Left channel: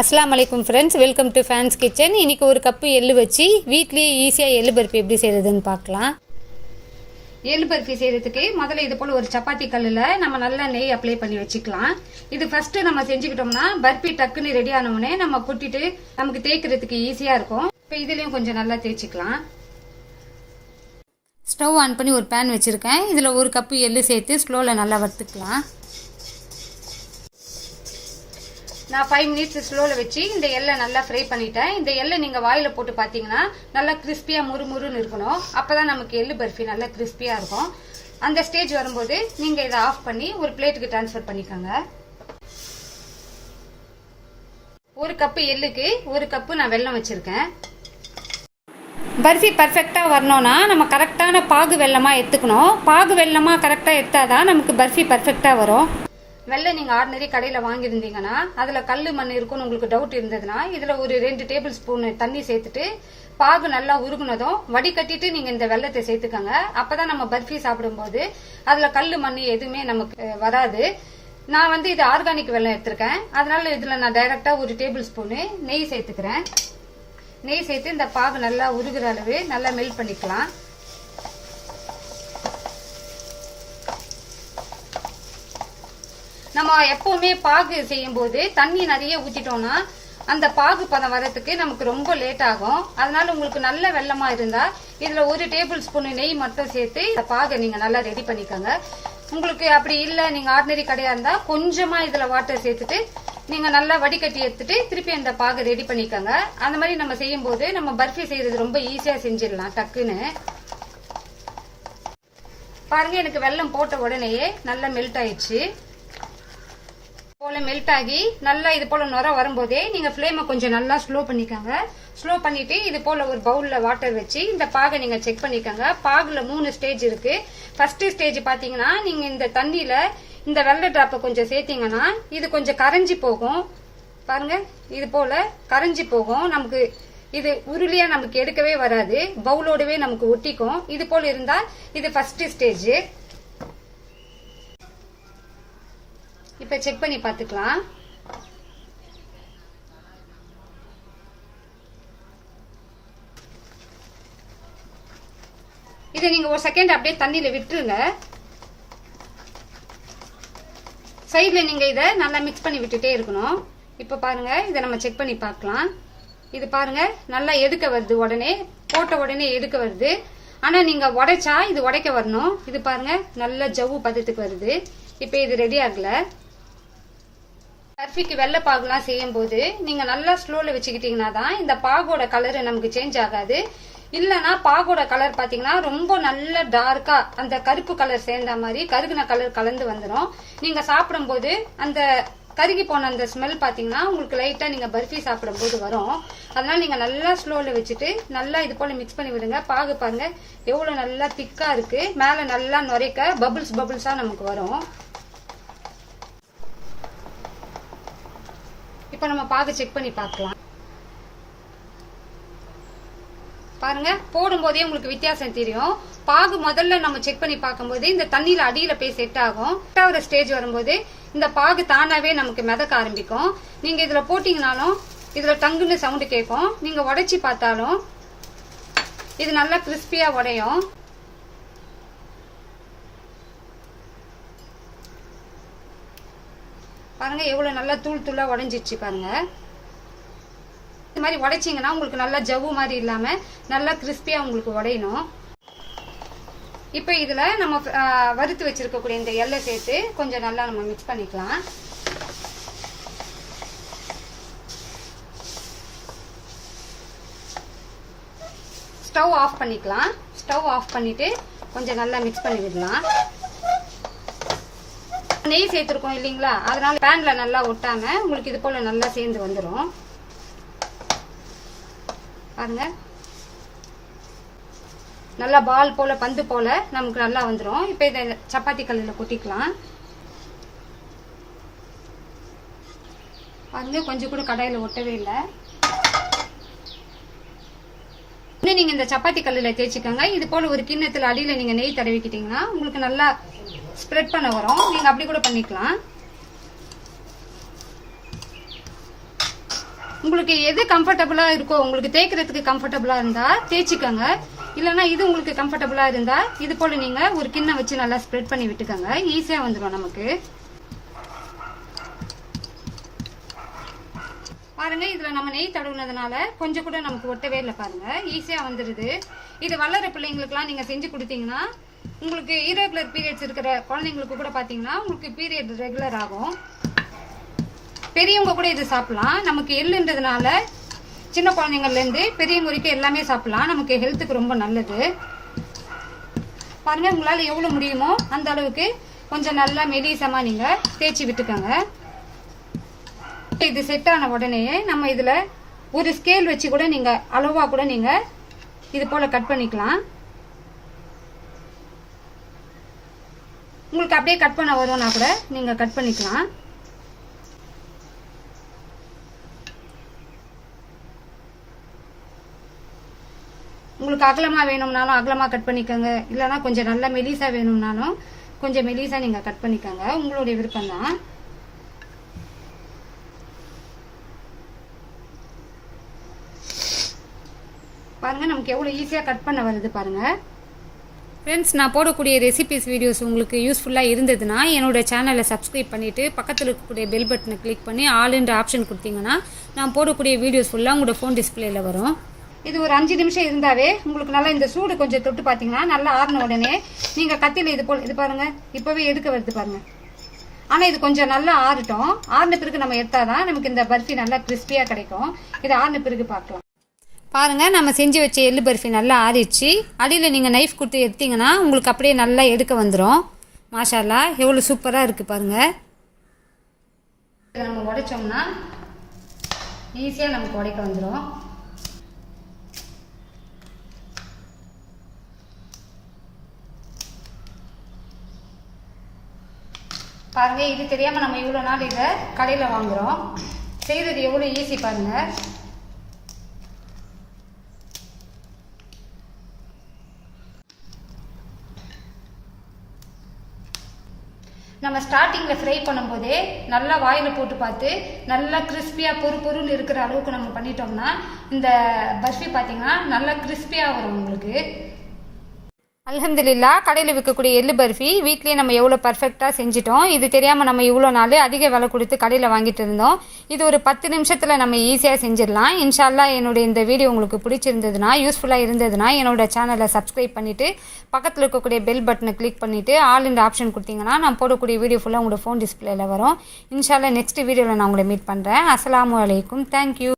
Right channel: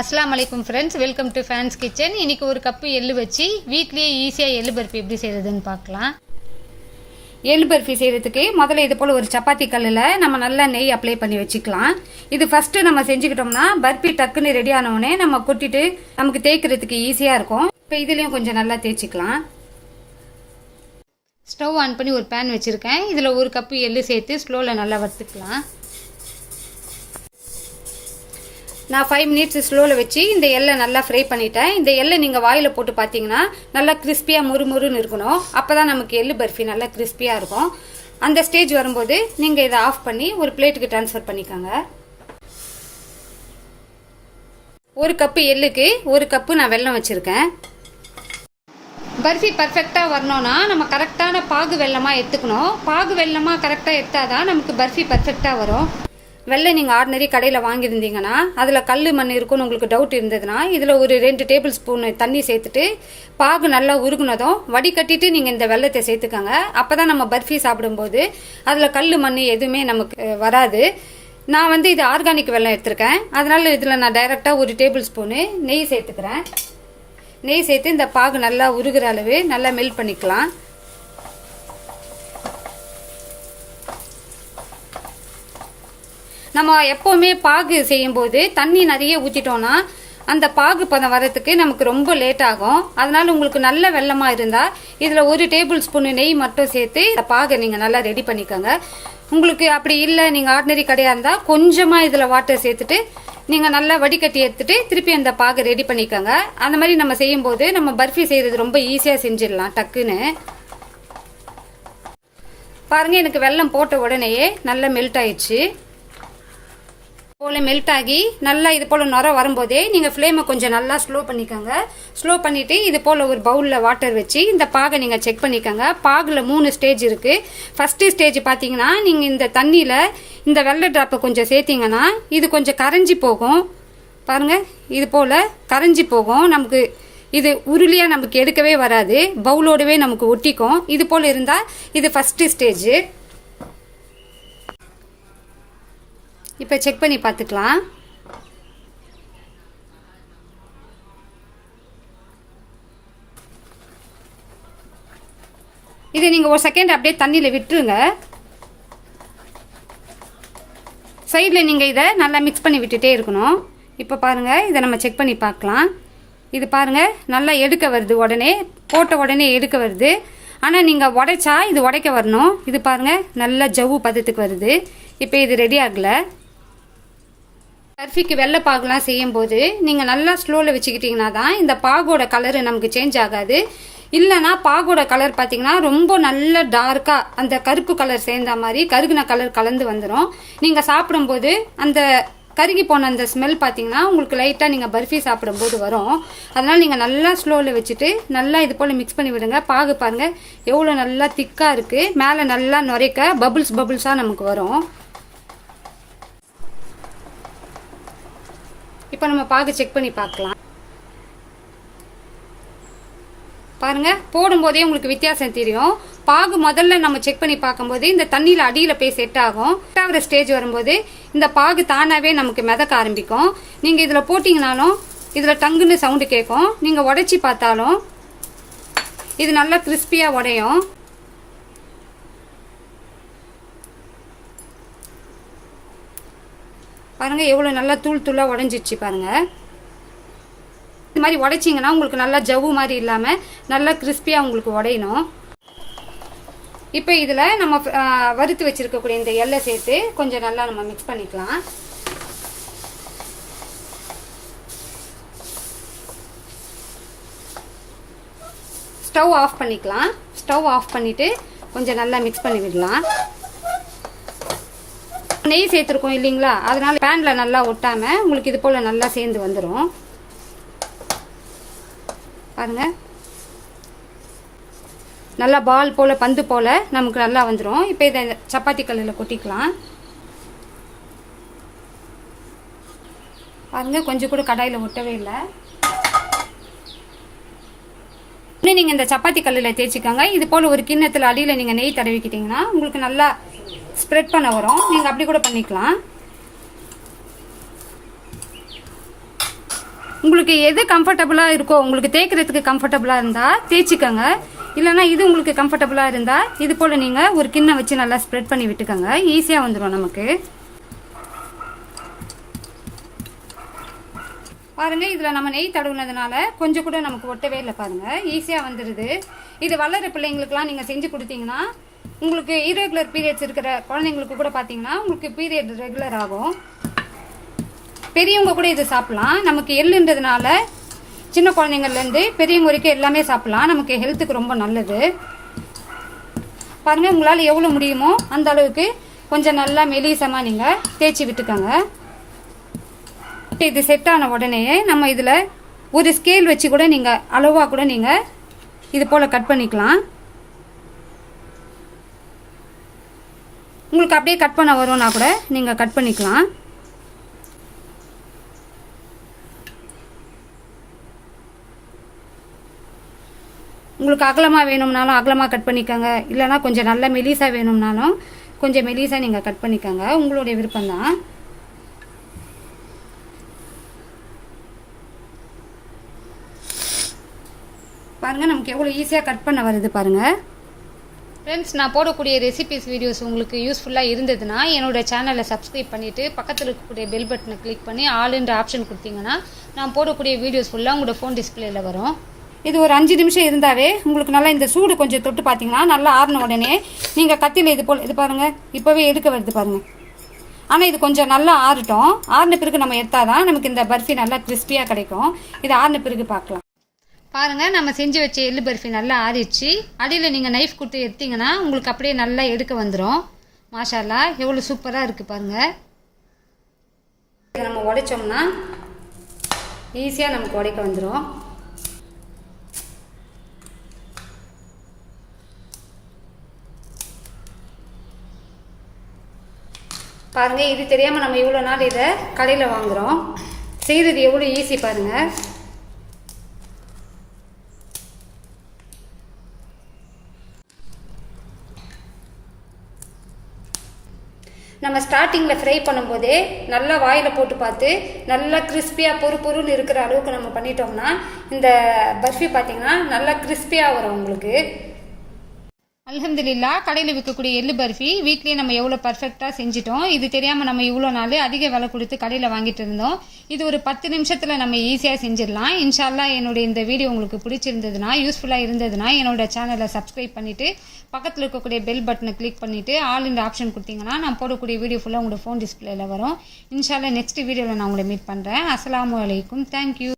அஸ்லாம் வலைக்கும் friends welcome to fans kitchen இன்னைக்கு ஒரு கப்பு எள்ளு வச்சு வீட்லேயே ஈஸியாக எள்ளு பருப்பு எப்படி செய்கிறதுன்னு பார்க்கலாம். எள்ளு பருப்பி செய்கிறதுக்கு முதல்ல இது போல் ஒரு சப்பாத்தி கல்லில் நம்ம நல்லா நெய் அப்ளை பண்ணி வச்சுக்கலாம். இது ஃபஸ்ட்டு நம்ம செஞ்சுக்கிட்டோம்னா பர்பி டக்குன்னு ரெடி ஆனவுடனே நம்ம கொட்டிட்டு நமக்கு தேய்க்கிறதுக்கு ஈஸியாக இருக்கும். இப்போ இதுலேயும் கொஞ்சம் நல்லா தேய்ச்சிக்கலாம். ஸ்டவ் ஆன் பண்ணி ஒரு பேன் வச்சுருக்கேன். இதில் ஒரு கப்பு எள்ளு சேர்த்து ஸ்லோவில் நல்லா வறுத்துக்கலாம். நான் ஃபைவ் மினிட்ஸ் ஸ்லோவில் வச்சு இந்த எல்லை நல்லா ஃப்ரை பண்ணிட்டேன். இந்த எல்லை நீங்கள் வாயில் போட்டு பார்த்தீங்கன்னா நல்லா கிறிஸ்பியாக முறுமுறுன்னு இருக்கணும். அப்போ தான் நமக்கு எள்ளு பர்ஃபி நல்லா கிறிஸ்பியாக இருக்கும். அந்த ஸ்டேஜ் வரும்போது நீங்கள் இதை ஆஃப் பண்ணி ஒரு பிளேட்டுக்கு ட்ரான்ஸ்ஃபர் பண்ணிக்கோங்க. ஒரு கப்பு எள்ளுக்கு ஒரு கப்பு நான் வெல்லம் வச்சுருக்கேன். பர்ஃபி பர்ஃபெக்டாக வரணும்னா நம்ம கரெக்டான பாகு வெல்லமாக எடுத்துக்கணும். பாகு வெல்லமாக கரெக்டாக எடுத்தால் தான் நமக்கு பர்ஃபி பர்ஃபெக்டாக வரும். வெள்ளை நீங்கள் ஆர்டினரி கடையில் வாங்கியிருந்தீங்கன்னா அதில் கல் மண் இருக்குன்னு உங்களுக்கு டவுட் இருந்ததுன்னா இதில் ஒரு ரெண்டு டேபிள் ஸ்பூன் தண்ணி சேர்த்துட்டு பாகு நல்லா உருகுனதும் வடிகட்டிட்டு நீங்கள் இந்த வெள்ளத்தை சேர்த்துக்கோங்க. அப்போ தான் நம்ம பர்ஃபி சாப்பிடும்போது அதில் கல் மண் எதுவுமே நமக்கு வராது. நான் வந்து இது ஆர்கானிக் வெள்ளம் எடுத்திருக்கேன். அதனால இதில் நான் டைரெக்டாக ஒரு டேபிள் ஸ்பூனு நெய் சேர்த்துக்கிறேன். நெய் சேர்த்து இந்த பாகு நல்லா உருகிற அளவு நல்லா மெல்ட் பண்ணிக்கலாம். நம்ம எப்போவுமே பாகு செய்யும்போது தண்ணி நிறைய ஊற்றிட்டோம்னா அந்த பாகு பதம் வரத்துக்கு நமக்கு ரொம்ப லேட் ஆகும். அதனால உங்களுக்கு நல்ல வெள்ளமா இருந்தா இதுல ஒரு டேபிள் ஸ்பூன் நெய் மட்டும் சேர்த்து இந்த பாகை நீங்க நல்லா ரெடி பண்ணிக்கோங்க. உங்களுக்கு அப்படி இல்லை நீங்க ஆர்டினரி கடையா இருந்தா கொஞ்சமா இதுல வாட்டர் சேர்த்துட்டு நீங்க நல்லா வடிகட்டி எடுத்துட்டு திருப்பி அந்த பாகை ரெடி பண்ணிக்கோங்க. அந்த மாதிரி நம்ம செய்யும்போது நம்ம பர்ஃபி செய்யறது ரொம்ப ஈஸியா செஞ்சிடலாம் டக்குன்னு. பாருங்க எனக்கு வெல்லம் போட்ட உடனேயே நல்லா மெல்ட் ஆயிடுச்சு. போல் மெல்ட் ஆகி நல்லா இது போல் நுர வரும்போதே நீங்கள் ஃப்ளேமை கொஞ்சம் நல்லா ஸ்லோ பண்ணிக்கோங்க. ஸ்லோ பண்ணிவிட்டு இது போல் ஒரு பவுலில் வாட்டர் வச்சு இந்த பாகை நீங்கள் செக் பண்ணிக்கோங்க. பாகில் மூணு ஸ்டேஜ் இருக்குது ஃபஸ்ட்டு ஸ்டேஜ் பார்த்தீங்கன்னா நீங்கள் இந்த தண்ணியில் இந்த வெள்ளை ட்ராப்பை கொஞ்சம் சேர்த்திங்கன்னா இது கொஞ்சம் கரைஞ்சி போகும். பாருங்கள் இது போல் கரைஞ்சி போகும். நமக்கு இது உருளியாக நமக்கு எடுக்கவே வராது. பவுலோடவே நமக்கு ஒட்டிக்கும். இது போல் இருந்தால் இது ஃபஸ்ட்டு ஸ்டேஜ் இப்போ செக் பண்ணி பார்த்துக்கலாம். இது நீங்கள் ஒரு செகண்ட் அப்படியே தண்ணியில் விட்டுருங்க. சைடில் நீங்கள் இதை நல்லா மிக்ஸ் பண்ணி விட்டுட்டே இருக்கணும். இப்போ பாருங்கள் இதை நம்ம செக் பண்ணி பார்க்கலாம். இது பாருங்கள் நல்லா எடுக்க வருது உடனே. போட்ட உடனே எடுக்க வருது. ஆனால் நீங்கள் உடைச்சா இது உடைக்க வரணும். இது பாருங்கள் நல்லா ஜவ்வு பதத்துக்கு வருது. இப்போ இது ரெடி ஆகலை. பர்ஃபிக்கு வெள்ளை பாகுலாம் செய்யும்போது நீங்கள் நல்லா ஸ்லோவில் வச்சுக்கிட்டிங்கன்னா தான் இந்த பாகோட கலரு நமக்கு சேஞ்ச் ஆகாது. இல்லைனா பாகோட கலர் பார்த்தீங்கன்னா ரொம்ப நல்ல டார்க்காக அந்த கருப்பு கலர் சேர்ந்த மாதிரி கருகுன கலர் கலந்து வந்துடும் நீங்கள் சாப்பிடும்போது அந்த கருகி போன அந்த ஸ்மெல் பார்த்தீங்கன்னா உங்களுக்கு லைட்டாக நீங்கள் பர்ஃபி சாப்பிடும்போது வரும். அதனால் நீங்கள் நல்லா ஸ்லோவில் வச்சுட்டு நல்லா இது போல் மிக்ஸ் பண்ணி விடுங்க. பாகு பாருங்கள் எவ்வளோ நல்லா திக்காக இருக்குது மேலே நல்லா நுரைக்க பபுள்ஸ் பபுள்ஸாக நமக்கு வரும். இப்போ நம்ம பாகு செக் பண்ணி பார்க்கலாம் பாருங்க போடும்போதே உங்களுக்கு வித்தியாசம் தெரியும். பாகு முதல்ல நம்ம செக் பண்ணி பார்க்கும்போது இந்த தண்ணியில் அடியில் போய் செட் ஆகும். ஒரு ஸ்டேஜ் வரும்போது இந்த பாகு தானாகவே நமக்கு மிதக்க ஆரம்பிக்கும். நீங்கள் இதில் போட்டிங்கனாலும் இதில் டங்குன்னு சவுண்டு கேட்கும். நீங்கள் உடைச்சி பார்த்தாலும் இது நல்லா கிறிஸ்பியாக உடையும். பாருங்கள் எவ்வளோ நல்லா தூள் தூளாக உடஞ்சிடுச்சு பாருங்கள் இந்த மாதிரி உடைச்சிங்கன்னா உங்களுக்கு நல்லா ஜவ்வு மாதிரி இல்லாமல் நல்லா கிறிஸ்பியாக உங்களுக்கு உடையணும். இப்போ இதில் நம்ம வறுத்து வச்சிருக்கக்கூடிய இந்த எல்லை சேர்த்து கொஞ்சம் நல்லா நம்ம மிக்ஸ் பண்ணிக்கலாம். ஸ்டவ் ஆஃப் பண்ணிக்கலாம். ஸ்டவ் ஆஃப் பண்ணிவிட்டு கொஞ்சம் நல்லா மிக்ஸ் பண்ணி விடலாம் நெய் சேர்த்துருக்கோம் இல்லைங்களா? அதனால பேனில் நல்லா ஒட்டாமல் உங்களுக்கு இது போல் நல்லா சேர்ந்து வந்துடும் பாருங்க. நல்லா பால் போல் பந்து போல் நமக்கு நல்லா வந்துடும் இப்போ இதை சப்பாத்தி கல்லில் கொட்டிக்கலாம். பாருங்க கொஞ்சம் கூட கடாயில் ஒட்டவே இல்லை. இன்னும் நீங்கள் இந்த சப்பாத்தி கல்லில் தேய்ச்சிக்கோங்க. இது போல் ஒரு கிண்ணத்தில் அடியில் நீங்கள் நெய் தடவிக்கிட்டிங்கன்னா உங்களுக்கு நல்லா ஸ்ப்ரெட் பண்ண வரும். நீங்கள் அப்படி கூட பண்ணிக்கலாம். உங்களுக்கு எது கம்ஃபர்டபுளாக இருக்கோ உங்களுக்கு தேய்க்கிறதுக்கு கம்ஃபர்டபுளாக இருந்தால் தேய்ச்சிக்கோங்க. இல்லைன்னா இது உங்களுக்கு கம்ஃபர்டபுளாக இருந்தால் இது போல் நீங்கள் ஒரு கிண்ணம் வச்சு நல்லா ஸ்ப்ரெட் பண்ணி விட்டுக்கோங்க. ஈஸியாக வந்துடும் நமக்கு. பாருங்கள் இதில் நம்ம நெய் தடவுனதுனால கொஞ்சம் கூட நமக்கு ஒட்டவே இல்லை பாருங்கள் ஈஸியாக வந்துடுது இது வளர பிள்ளைங்களுக்குலாம் நீங்கள் செஞ்சு கொடுத்தீங்கன்னா உங்களுக்கு e இரெகுலர் பீரியட்ஸ் இருக்கிற குழந்தைங்களுக்கு கூட பார்த்தீங்கன்னா உங்களுக்கு பீரியட் ரெகுலர் ஆகும். பெரியவங்க கூட இதை சாப்பிடலாம். நமக்கு எள்ளுன்றதுனால சின்ன குழந்தைங்கள்லேருந்து பெரியவங்க வரைக்கும் எல்லாமே சாப்பிடலாம். நமக்கு ஹெல்த்துக்கு ரொம்ப நல்லது. பாருங்கள் உங்களால் எவ்வளோ முடியுமோ அந்த அளவுக்கு கொஞ்சம் நல்லா மெலிசமாக நீங்கள் தேய்ச்சி விட்டுக்கோங்க. இது செட் ஆன உடனேயே நம்ம இதில் ஒரு ஸ்கேல் வச்சு கூட நீங்கள் அளவாக கூட நீங்கள் இது போல் கட் பண்ணிக்கலாம். உங்களுக்கு அப்படியே கட் பண்ண வரும்னா கூட நீங்கள் கட் பண்ணிக்கலாம். உங்களுக்கு அகலமாக வேணும்னாலும் அகலமாக கட் பண்ணிக்கோங்க. இல்லைன்னா கொஞ்சம் நல்ல மெலிசாக வேணும்னாலும் கொஞ்சம் மெலிசாக நீங்கள் கட் பண்ணிக்கோங்க. உங்களுடைய விருப்பம் தான் பாருங்கள் நமக்கு எவ்வளோ ஈஸியாக கட் பண்ண வருது பாருங்கள் ஃப்ரெண்ட்ஸ் நான் போடக்கூடிய ரெசிபிஸ் வீடியோஸ் உங்களுக்கு யூஸ்ஃபுல்லாக இருந்ததுன்னா என்னோட சேனலை சப்ஸ்கிரைப் பண்ணிவிட்டு பக்கத்தில் இருக்கக்கூடிய பெல் பட்டனை கிளிக் பண்ணி ஆளுன்ற ஆப்ஷன் கொடுத்தீங்கன்னா நான் போடக்கூடிய வீடியோஸ் ஃபுல்லாக உங்களோட ஃபோன் டிஸ்பிளேல வரும். இது ஒரு அஞ்சு நிமிஷம் இருந்தாவே உங்களுக்கு நல்லா இந்த சூடு கொஞ்சம் தொட்டு பார்த்தீங்கன்னா நல்லா ஆறின உடனே நீங்கள் கத்தியில் இது போல் இது பாருங்கள் இப்போவே எடுக்க வருது பாருங்கள் ஆனால் இது கொஞ்சம் நல்லா ஆறட்டும். ஆறின பிறகு நம்ம எடுத்தால் தான் நமக்கு இந்த பர்ஃபி நல்லா கிறிஸ்பியாக கிடைக்கும். இது ஆறின பிறகு பார்க்கலாம். பாருங்கள் நம்ம செஞ்சு வச்ச எள்ளு பர்ஃபி நல்லா ஆறிடுச்சு. அடியில் நீங்கள் நைஃப் கொடுத்து எடுத்தீங்கன்னா உங்களுக்கு அப்படியே நல்லா எடுக்க வந்துடும் மாஷாலா எவ்வளோ சூப்பராக இருக்குது பாருங்கள் நம்ம உடைச்சோம்னா ஈஸியாக நமக்கு உடைக்க வந்துடும் பாருங்கள் இது தெரியாமல் நம்ம இவ்வளோ நாள் இதை கடையில் வாங்குறோம். செய்கிறது எவ்வளோ ஈஸி பாருங்கள் நம்ம ஸ்டார்டிங்கில் ஃப்ரை பண்ணும்போதே நல்லா வாயில் போட்டு பார்த்து நல்லா கிறிஸ்பியாக பொறு பொருள் இருக்கிற அளவுக்கு நம்ம பண்ணிட்டோம்னா இந்த பர்ஃபி பார்த்திங்கன்னா நல்லா கிறிஸ்பியாக வரும் உங்களுக்கு. அலமதுல்லா கடையில் விற்கக்கூடிய எள்ளு பர்ஃபி வீட்லேயே நம்ம எவ்வளோ பர்ஃபெக்டாக செஞ்சிட்டோம். இது தெரியாமல் நம்ம இவ்வளோ நாள் அதிக விலை கொடுத்து கடையில் வாங்கிட்டு இருந்தோம். இது ஒரு பத்து நிமிஷத்தில் நம்ம ஈஸியாக செஞ்சிடலாம். இன்ஷால்லா என்னுடைய இந்த வீடியோ உங்களுக்கு பிடிச்சிருந்ததுன்னா யூஸ்ஃபுல்லாக இருந்ததுன்னா என்னோட சேனலை சப்ஸ்கிரைப் பண்ணிவிட்டு பக்கத்தில் இருக்கக்கூடிய பெல் பட்டனை கிளிக் பண்ணிவிட்டு ஆல் இந்த ஆப்ஷன் கொடுத்தீங்கன்னா நான் போடக்கூடிய வீடியோ ஃபுல்லாக உங்களோட ஃபோன் டிஸ்பிளேயில் வரும். இன்ஷால்லா நெக்ஸ்ட் வீடியோவில் நான் உங்களை மீட் பண்ணுறேன் அஸ்லாம் வலைக்கும் தேங்க்யூ